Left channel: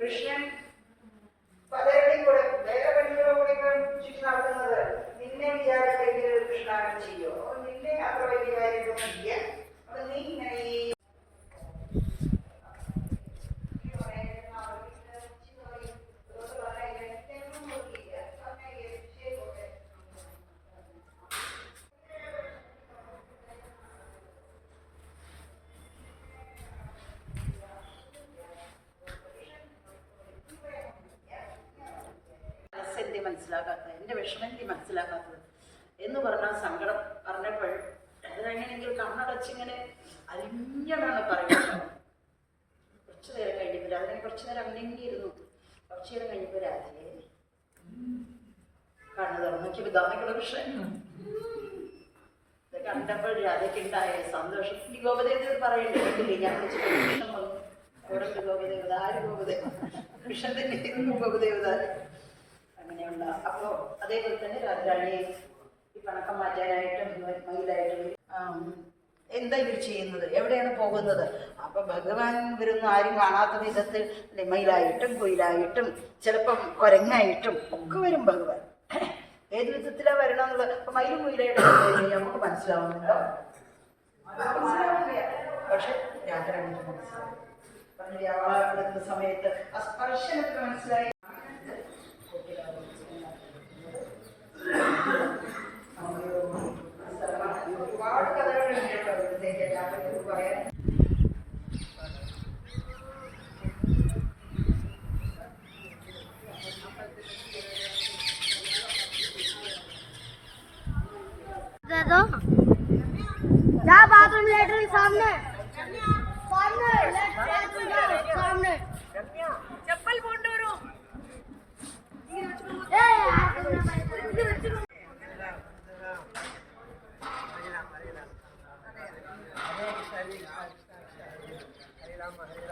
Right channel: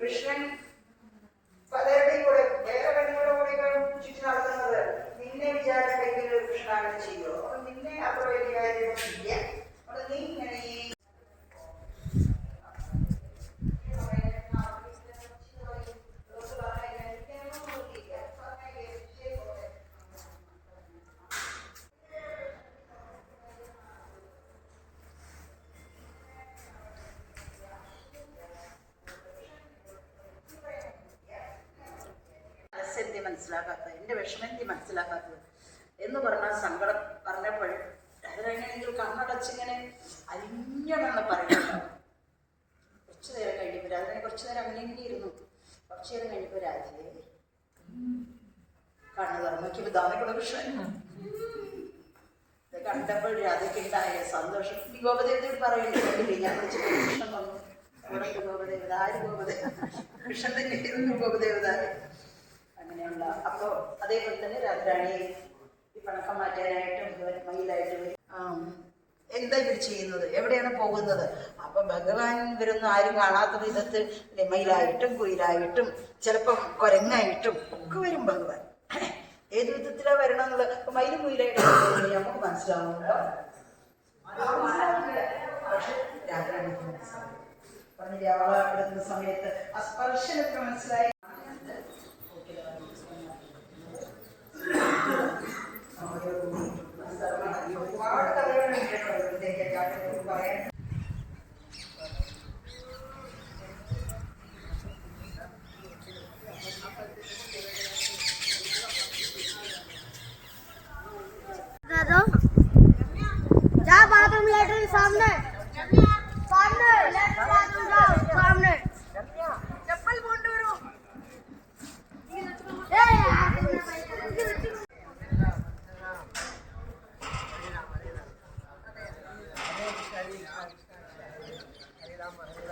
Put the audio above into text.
കൃഷ്ണൻ പലരുടെയും കൂടെ വേറെ പെണ്ണുങ്ങളുടെ കൂടെ ചുറ്റി നടത്തുന്നത് നിന്നെ വിചാരമെങ്കിൽ കൃഷ്ണൻ ചെയ്യോ? നിന്നെ അത്ര വലിയ കാര്യമൊന്നുമില്ല. നീ ഇങ്ങനെ ഈ മനസ്സിലാക്കാത്തത്, എൻ്റെ വിഷമം മനസ്സിലാക്കാത്തത് എന്ന് പറഞ്ഞാൽ സങ്കടം പറഞ്ഞപ്പോൾ അതിനെങ്ങനെയെങ്കിൽ കണ്ണടച്ചിങ്ങനെ അരിഞ്ഞണമെന്ന് പറയുമല്ലോ. കുറച്ചു നേരം കഴിഞ്ഞപ്പോൾ അതിനെ കുറച്ചു നേരം അങ്ങനെ ഇരുന്നു. കുറച്ചു നേരം കഴിഞ്ഞപ്പോൾ രാജയെ കണ്ണു തുറന്നു നോക്കിയപ്പോൾ ദാമയ്ക്കുള്ള കൃഷ്ണൻ. ഇത് കണ്ടപ്പോൾ രാധയ്ക്കുണ്ടായ സന്തോഷം ഈ ഗോപദേവതയോട് പറയണ്ടില്ലേ, ഞാൻ വിളിച്ചിട്ട് കൃഷ്ണൻ വന്നു. അവിടെ ഗോപദേവത ആര് ഗോപദേവ? കൃഷ്ണൻ തന്നെ ഇരുന്നു ഗോപദേവത. അങ്ങനെയുള്ള അപ്പോൾ അതേപോലെ തന്നെ രാധാരാണിയെ ഈ പണക്കം മാറ്റാനായിട്ടും മയിലായിട്ടും എന്താ ഇവർ ചെയ്യുന്നത്, എവിടെയാണ് പോകുന്നത്? അപ്പൊ ഭഗവാൻ ഇവരൊന്നും ആരും കാണാത്ത വിധത്തിൽ അല്ലെ മയിലായിട്ടും കുയിലായിട്ടും ചിലപ്പം കുരങ്ങായിട്ടും ഒക്കെ വരും ഭഗവാൻ. ഏത് വിധത്തിലാണ് വരണമെന്നുള്ളത് ഇപ്പൊ മയിലും കുയിലായിട്ടും നമുക്ക് മനസ്സിലാവുന്നുണ്ടോ? പക്ഷെ രാധാരാണിക്ക് മനസ്സിലാവും. പറഞ്ഞില്ലേ അവളെടുക്കുന്ന സമയത്ത് ആ സ്പർശനത്തിന് മനസ്സിലായി. ഒരുപാട് കഥകളുണ്ട് പറയാൻ. जा बाथरूम लेटरिन सामने सामने सामने चप्पल बोंडोरो हरे राम हरे राम